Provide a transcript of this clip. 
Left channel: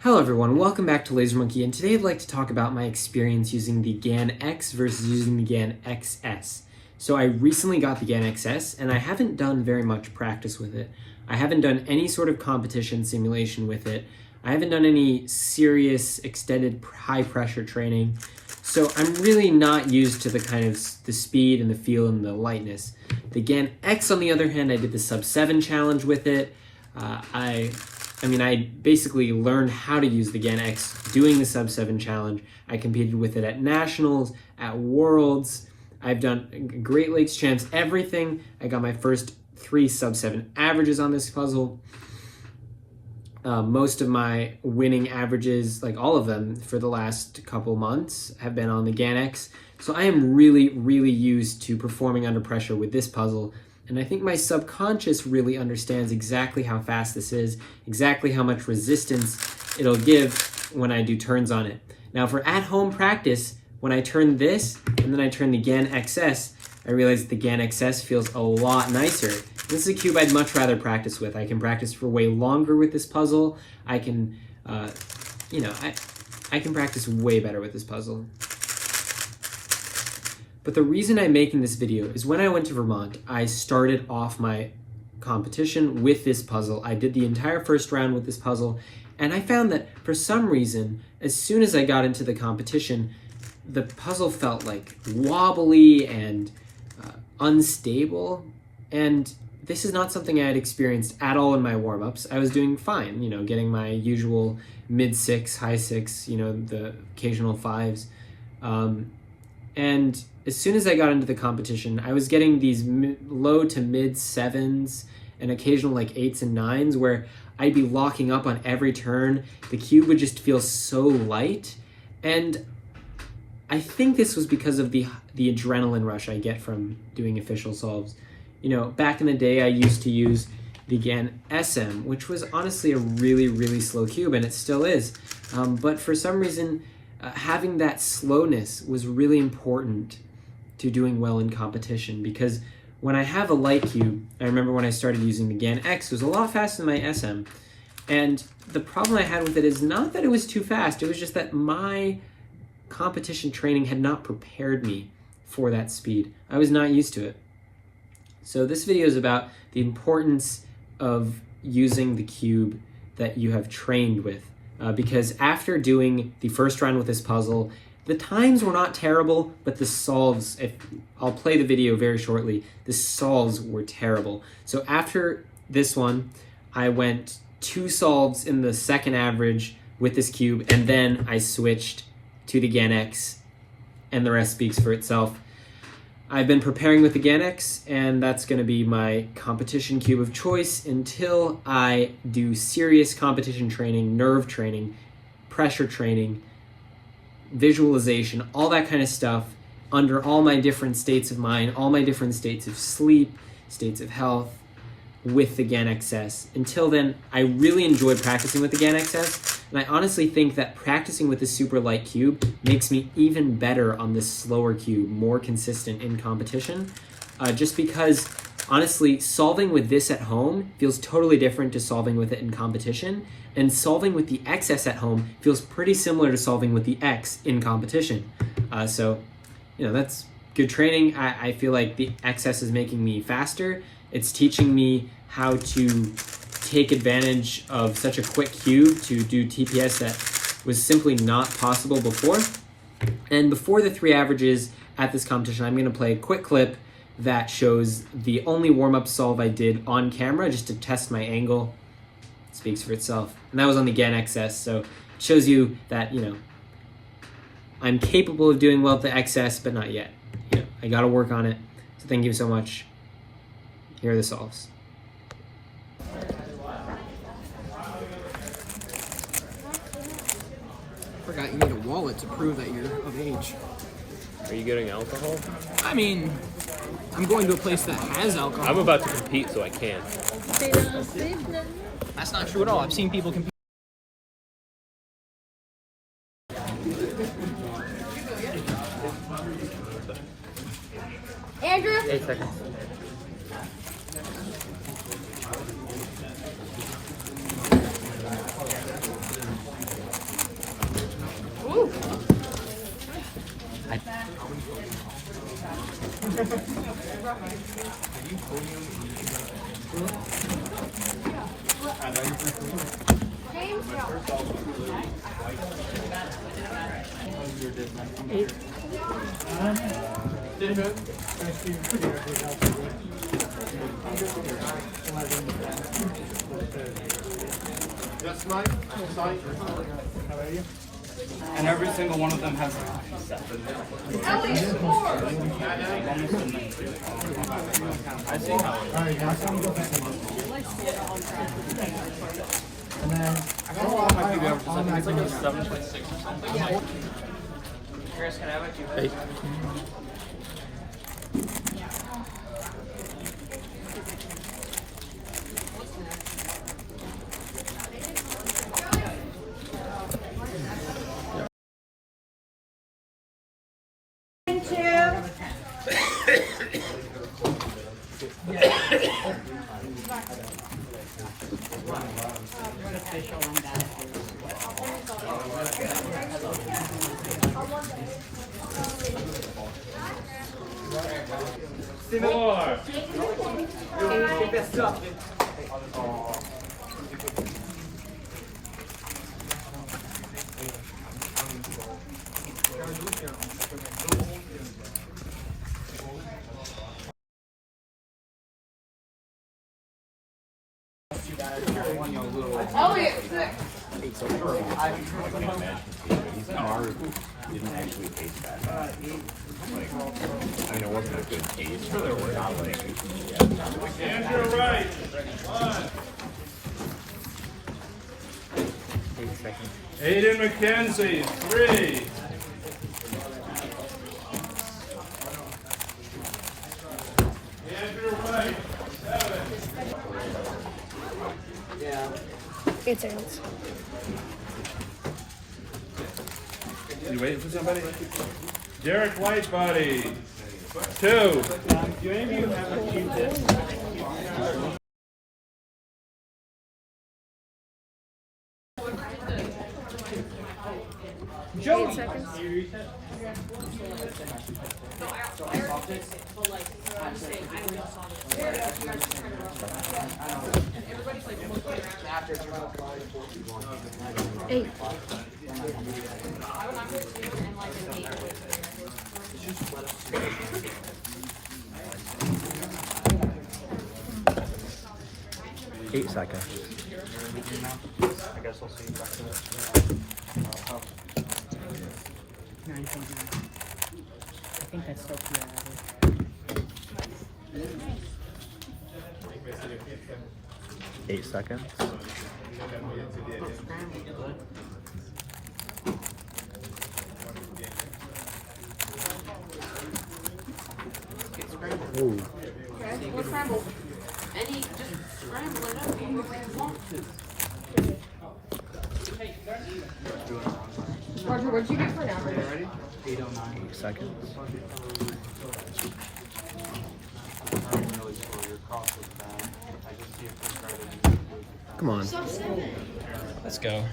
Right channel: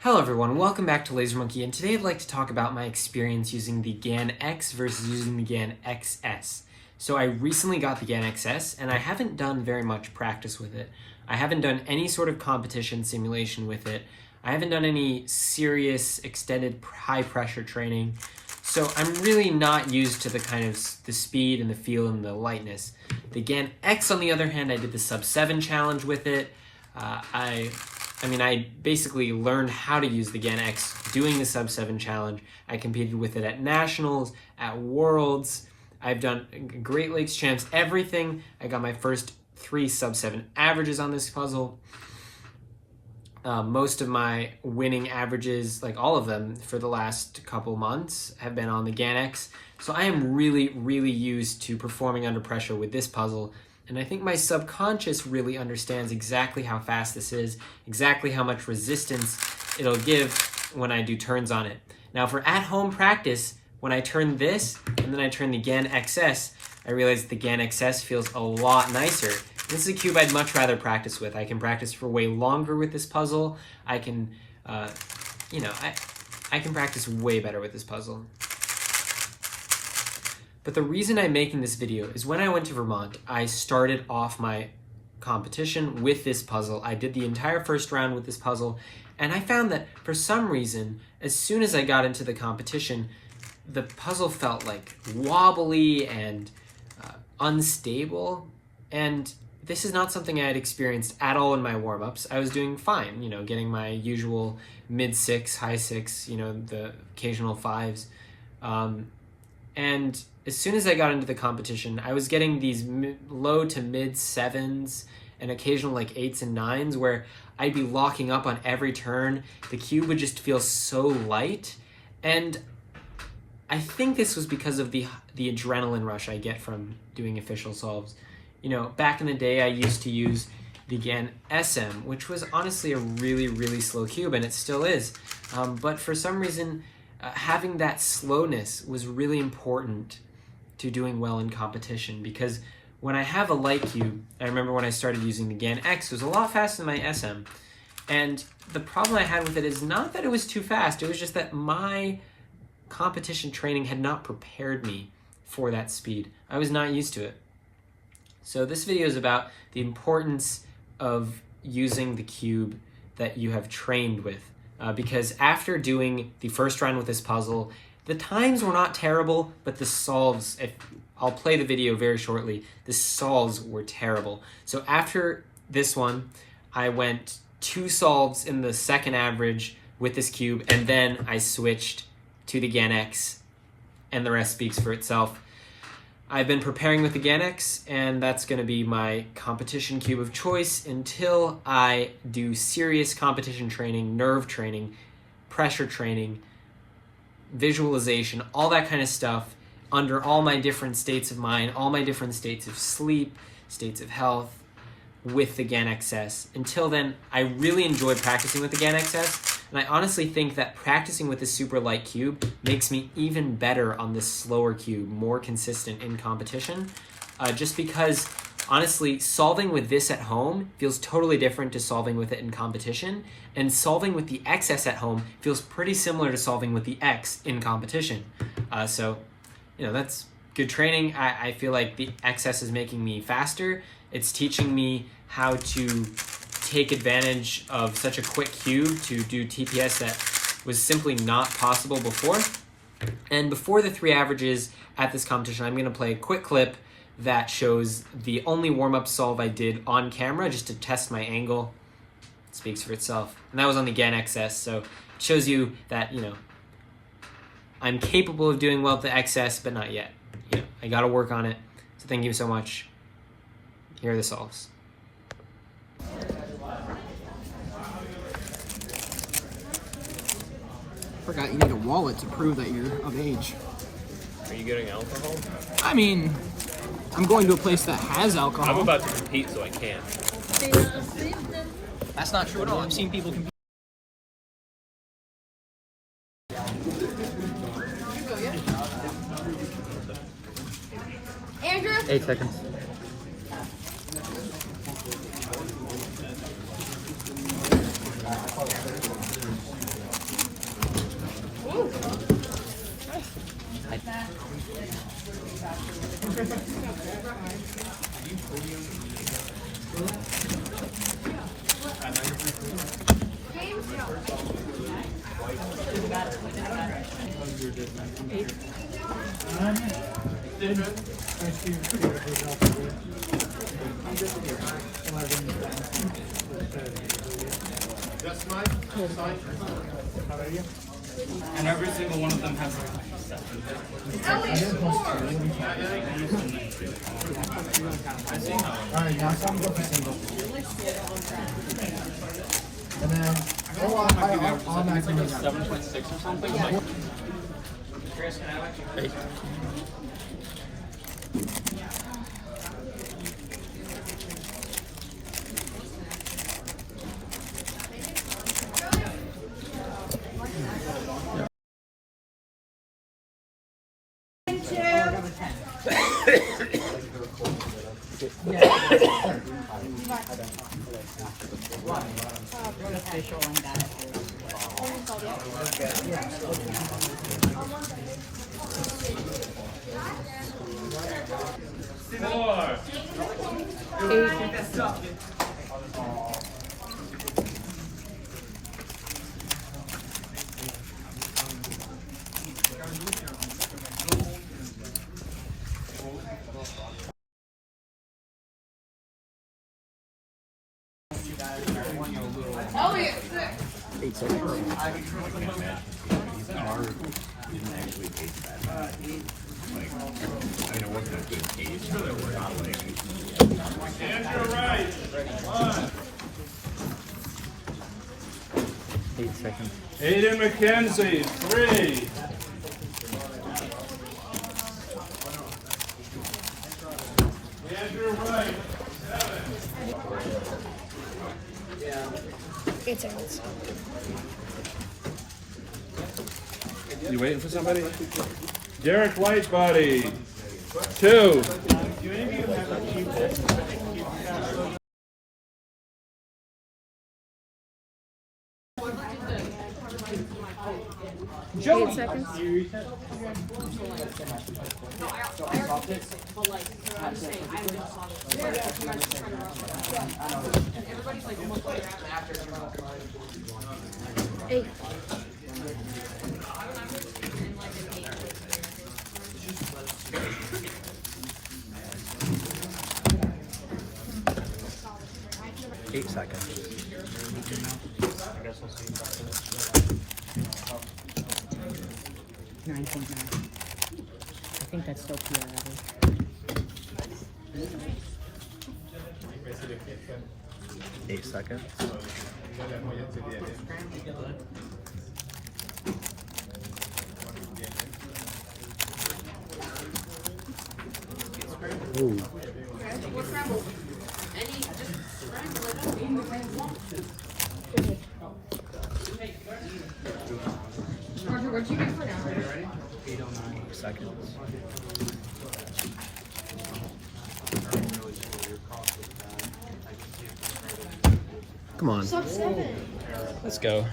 Hello everyone, welcome back to Laser Monkey, and today I'd like to talk about my experience using the GAN X versus using the GAN XS. So I recently got the GAN XS, and I haven't done very much practice with it. I haven't done any sort of competition simulation with it. I haven't done any serious extended high pressure training. So I'm really not used to the speed and the feel and the lightness. The GAN X, on the other hand, I did the sub 7 challenge with it. I basically learned how to use the GAN X doing the sub 7 challenge. I competed with it at nationals, at worlds. I've done Great Lakes champs, everything. I got my first 3 sub 7 averages on this puzzle. Most of my winning averages, like all of them for the last couple months, have been on the GAN X. So I am really, really used to performing under pressure with this puzzle. And I think my subconscious really understands exactly how fast this is, exactly how much resistance it'll give when I do turns on it. Now for at-home practice, when I turn this and then I turn the GAN XS, I realize the GAN XS feels a lot nicer. This is a cube I'd much rather practice with. I can practice for way longer with this puzzle. I can, I can practice way better with this puzzle. But the reason I'm making this video is when I went to Vermont, I started off my competition with this puzzle. I did the entire first round with this puzzle, and I found that for some reason, as soon as I got into the competition, the puzzle felt like wobbly and unstable, and this is not something I had experienced at all in my warm-ups. I was doing fine, getting my usual mid-6, high-6, the occasional 5s. And as soon as I got into the competition, I was getting these low to mid-7s and occasional like 8s and 9s where I'd be locking up on every turn. The cube would just feel so light. And I think this was because of the adrenaline rush I get from doing official solves. Back in the day, I used to use the GAN SM, which was honestly a really, really slow cube, and it still is. But for some reason, having that slowness was really important to doing well in competition, because when I have a light cube, I remember when I started using the GAN X, it was a lot faster than my SM. And the problem I had with it is not that it was too fast, it was just that my competition training had not prepared me for that speed. I was not used to it. So this video is about the importance of using the cube that you have trained with. Because after doing the first round with this puzzle, the times were not terrible, but the solves, I'll play the video very shortly, the solves were terrible. So after this one, I went 2 solves in the second average with this cube, and then I switched to the GAN X, and the rest speaks for itself. I've been preparing with the GAN X, and that's going to be my competition cube of choice until I do serious competition training, nerve training, pressure training, visualization, all that kind of stuff under all my different states of mind, all my different states of sleep, states of health with the GAN XS. Until then, I really enjoy practicing with the GAN XS, and I honestly think that practicing with the super light cube makes me even better on this slower cube, more consistent in competition, just because honestly, solving with this at home feels totally different to solving with it in competition, and solving with the XS at home feels pretty similar to solving with the X in competition. So that's good training. I feel like the XS is making me faster. It's teaching me how to take advantage of such a quick cube to do TPS that was simply not possible before. And before the 3 averages at this competition, I'm going to play a quick clip that shows the only warm-up solve I did on camera just to test my angle. It speaks for itself. And that was on the GAN XS, so it shows you that, I'm capable of doing well with the XS, but not yet. I got to work on it. So thank you so much. Here are the solves. Forgot you need a wallet to prove that you're of age. Are you getting alcohol? I mean, I'm going to a place that has alcohol. I'm about to compete, so I can't. That's not true at all. I've seen people compete. Andrew? 8 seconds. How are you? And every single one of them has Alright, now time to go for singles. And then on that green 7'6" or something. Hey. 8 seconds. Aiden McKenzie, 3. Andrew White, 7. 8 seconds. You waiting for somebody? Derek Whitebody, 2. Do any of you have a cheap hit? Joey. 8 seconds. Eight. Eight seconds. I guess I'll see you back there. 9.9. I think that's still PR. 8 seconds. Oh. Roger, what'd you get for now? 8 seconds. Come on. Sub 7. Let's go.